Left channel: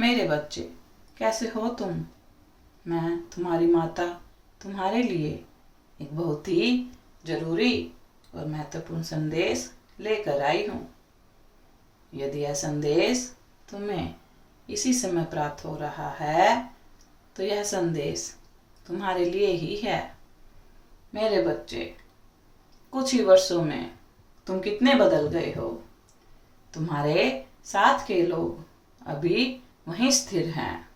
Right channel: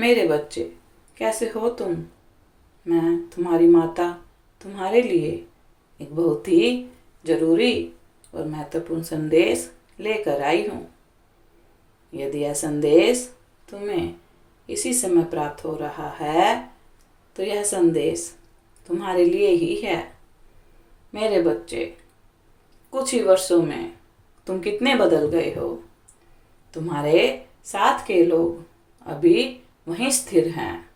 मेरे बच्चे, कैसे हो तुम? मैं तुम्हारी माता तुम्हारे लिए एक बहुत ही ज़रूरी और महत्वपूर्ण संदेश लेकर आई हूँ। यदि यह संदेश तुम्हें इसी समय प्राप्त हो रहा है तो यह संदेश तुम्हारे लिए ही है। मेरे बच्चे, कुछ ही वर्षों में तुम कितने बदल गए हो। तुम्हारे साथ के लोग अभी वहीं स्थिर हैं,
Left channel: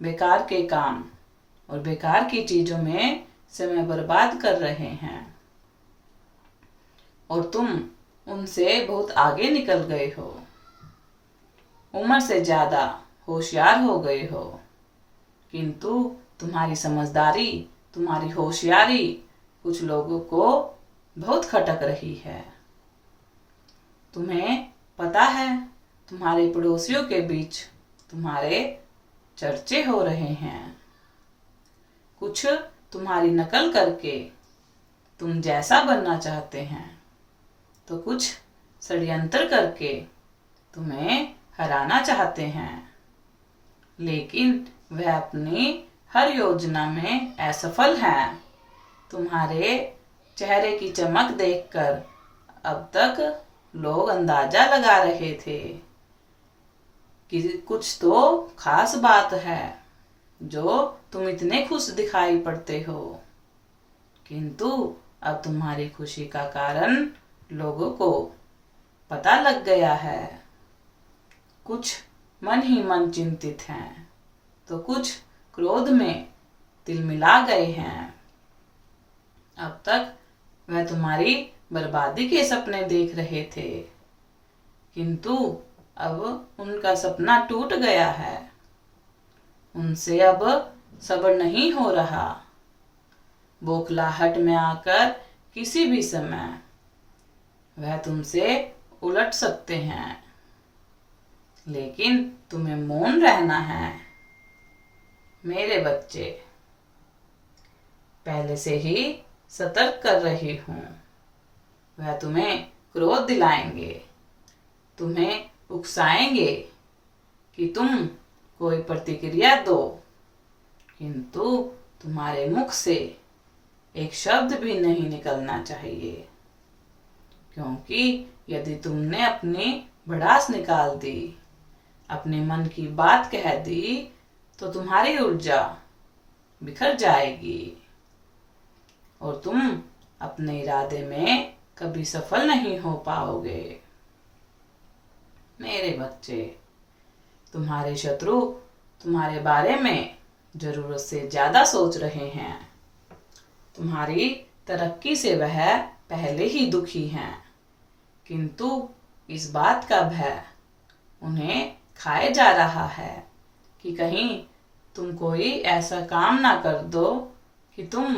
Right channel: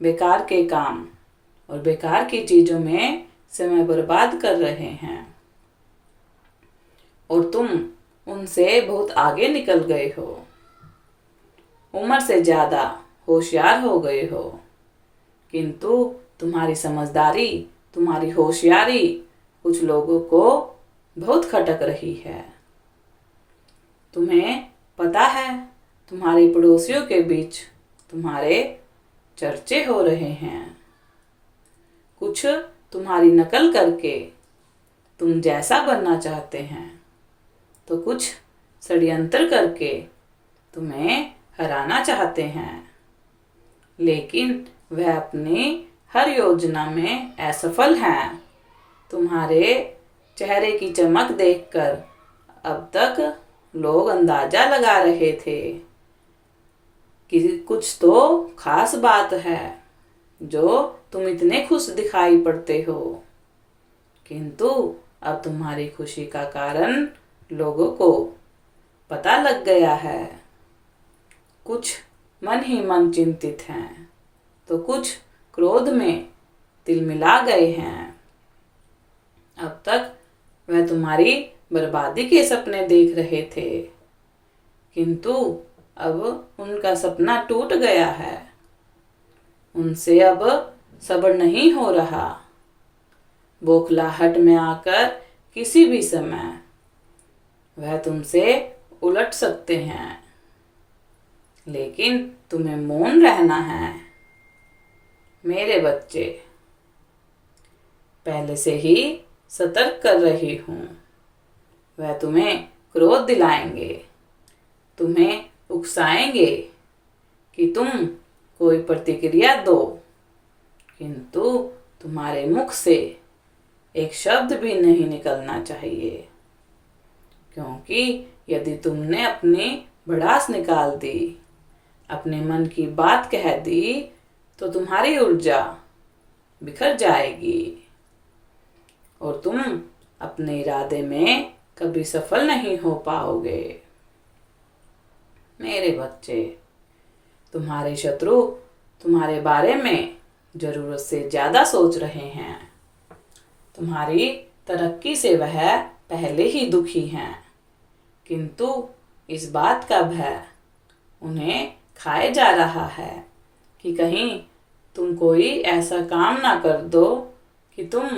बेकार के काम और बेकार की चीज़ों में समय बर्बाद कर रहे हैं और तुम उनसे बहुत आगे निकल गए हो। उम्र से ज़्यादा होशियार हो गए हो, किंतु तुम्हारी समझदारी, तुम्हारी होशियारी कुछ लोगों को बहुत खटक रही है। तुम्हें पता है, तुम्हारे पड़ोसियों के बीच तुम्हारे चर्चे हो रहे हैं। कुछ तुम्हारी नकल करके तुम जैसा बनना चाहते हैं, तो कुछ षड्यंत्र करके तुम्हें हराना चाहते हैं, लेकिन वह अपनी हर योजना में असफल हैं। तुम्हारे चेहरे की चमक देखकर अब तक लोग अंदाजा लगा रहे थे कि कुछ तो खास बात है जो तुम इतने खुश दिखाई पड़ते हो, किंतु अब तुम्हारी खुशी का कारण लोगों को पता लग गया है। कुछ मन ही मन चिंतित हैं, तो कुछ क्रोध में तिलमिला गए हैं। अब तक वह तुम्हारी बर्बादी के सपने देख रहे थे, किंतु अब उनका सपना टूट गया है। उनसे अब सब्र नहीं हो रहा। बौखलाहट में आकर किसी भी समय वह तुमसे उलट सकते हैं, लेकिन तुम्हें मौन रहना है। मेरे बच्चे, पहले से ही सतर्क कर रही हूँ। वह तुम्हें क्रोध दिलाएंगे, तुम्हें उकसाएंगे कि तुम कोई प्रतिक्रिया दो, किंतु तुम्हारे मुख से एक शब्द भी नहीं निकलना चाहिए, क्योंकि यदि तुमने अपनी भड़ास निकाल दी, अपने मन की बात कह दी, तो तुम्हारी ऊर्जा बिखर जाएगी और तुम अपने इरादे में कभी सफल नहीं हो पाओगे। मेरे बच्चे, तुम्हारे शत्रु तुम्हारे बारे में जरूरत से ज्यादा सोच रहे हैं। तुम्हारी तरक्की से वह पहले ही दुखी हैं, किंतु इस बात का भय उन्हें खाए जा रहा है कि कहीं तुम कोई ऐसा काम ना कर दो कि तुम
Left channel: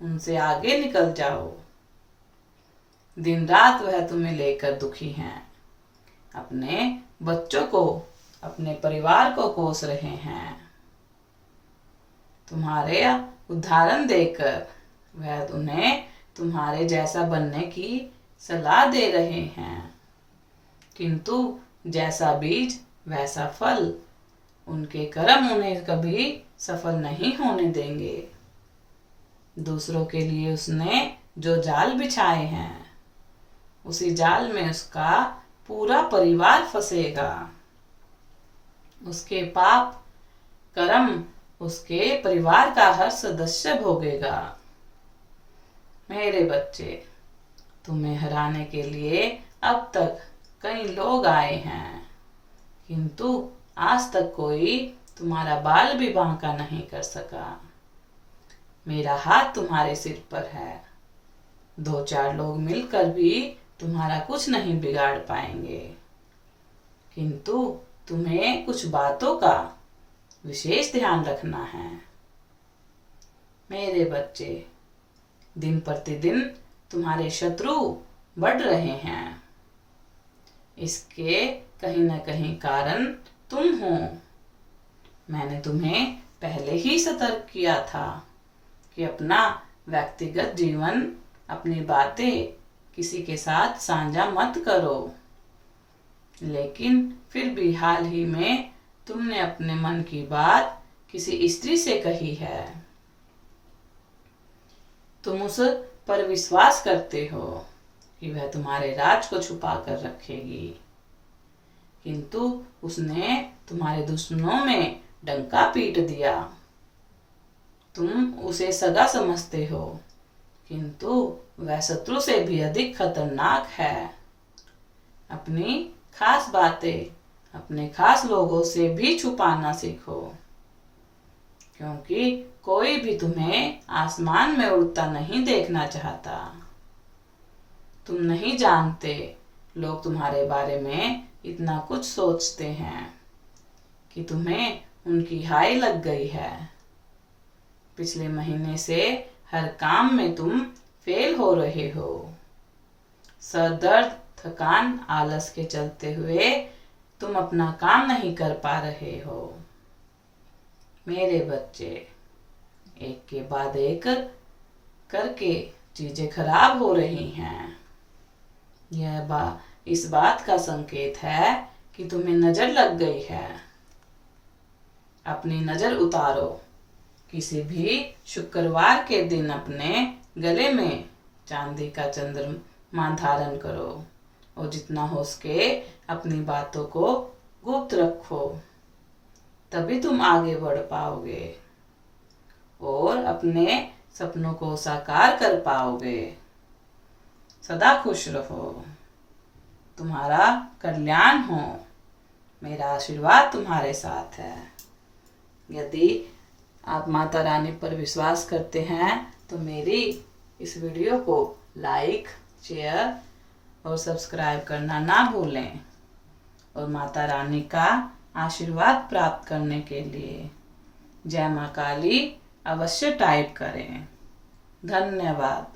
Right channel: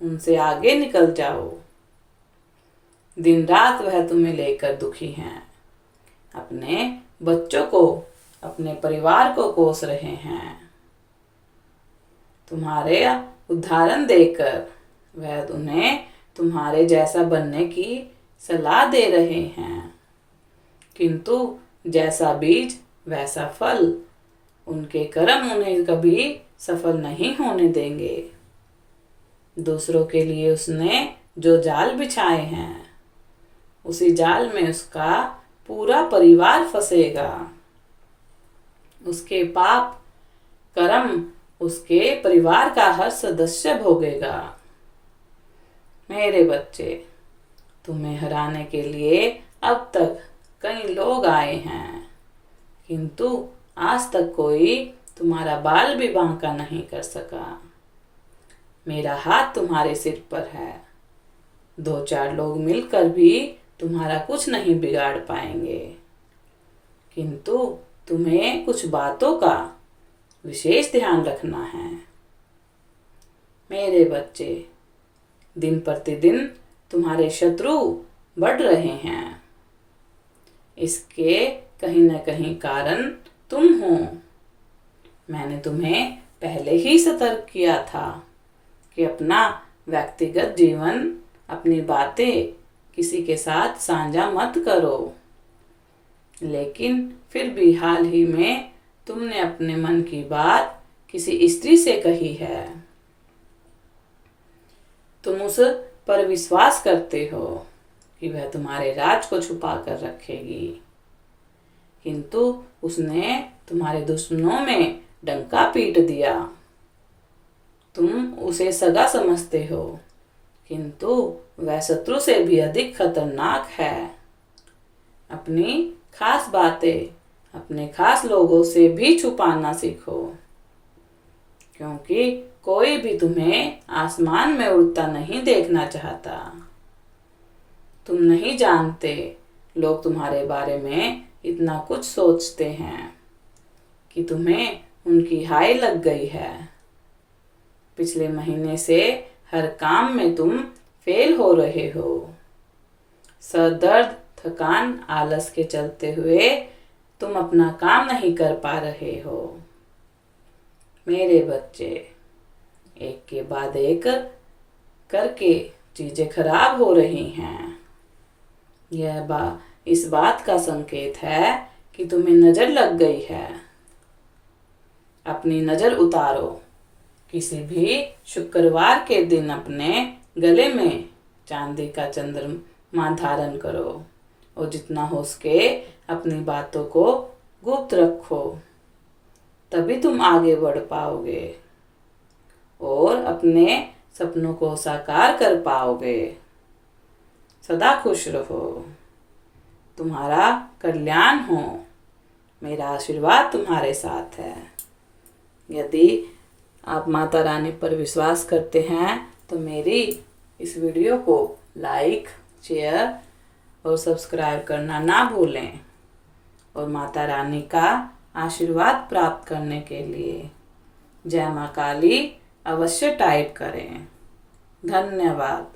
उनसे आगे निकल जाओ। दिन रात वह तुम्हें लेकर दुखी हैं, अपने बच्चों को, अपने परिवार को कोस रहे हैं। तुम्हारे उदाहरण देकर वह उन्हें तुम्हारे जैसा बनने की सलाह दे रहे हैं, किंतु जैसा बीज वैसा फल। उनके कर्म उन्हें कभी सफल नहीं होने देंगे। दूसरों के लिए उसने जो जाल बिछाए हैं, उसी जाल में उसका पूरा परिवार फंसेगा। उसके पाप कर्म उसके परिवार का हर सदस्य भोगेगा। मेरे बच्चे, तुम्हें हराने के लिए अब तक कई लोग आए हैं, किंतु आज तक कोई तुम्हारा बाल भी बांका नहीं कर सका। मेरा हाथ तुम्हारे सिर पर है। 2-4 लोग मिलकर भी तुम्हारा कुछ नहीं बिगाड़ पाएंगे, किंतु तुम्हें कुछ बातों का विशेष ध्यान रखना है। मेरे बच्चे, दिन प्रतिदिन तुम्हारे शत्रु बढ़ रहे हैं। इसके कहीं न कहीं कारण तुम हो। मैंने तुम्हें पहले ही सतर्क किया था कि अपना व्यक्तिगत जीवन, अपनी बातें किसी के साथ साझा मत करो, लेकिन फिर भी हाल ही में तुमने अपने मन की बात किसी स्त्री से कही है। तुम उस पर विश्वास करते हो कि वह तुम्हारे राज को छुपा कर रखेगी, किंतु उसने तुम्हारे दुश्मनों में डंका पीट दिया। तुम उसे सगा समझते हो, किंतु वह शत्रु से भी अधिक खतरनाक है। अपनी खास बातें अपने खास लोगों से भी छुपाना सीखो, क्योंकि कोई भी तुम्हें आसमान में उड़ता नहीं देखना चाहता। तुम नहीं जानते लोग तुम्हारे बारे में इतना कुछ सोचते हैं कि तुम्हें उनकी हाय लग गई है। पिछले महीने से हर काम में तुम फेल हो रहे हो। सर दर्द, थकान, आलस के चलते हुए तुम अपना काम नहीं कर पा रहे हो। मेरे बच्चे, एक के बाद एक करके चीजें खराब हो रही हैं। इस बात का संकेत है कि तुम्हें नजर लग गई है। अपनी नजर उतारो। किसी भी शुक्रवार के दिन अपने गले में चांदी का चंद्रमा धारण करो और जितना हो सके अपनी बातों को गुप्त रखो, तभी तुम आगे बढ़ पाओगे और अपने सपनों को साकार कर पाओगे। सदा खुश रहो। तुम्हारा कल्याण हो। मेरा आशीर्वाद तुम्हारे साथ है। यदि आप माता रानी पर विश्वास करते हैं तो मेरी इस वीडियो को लाइक, शेयर और सब्सक्राइब करना ना भूलें। और माता रानी का आशीर्वाद प्राप्त करने के लिए जय मां काली अवश्य टाइप करें। धन्यवाद।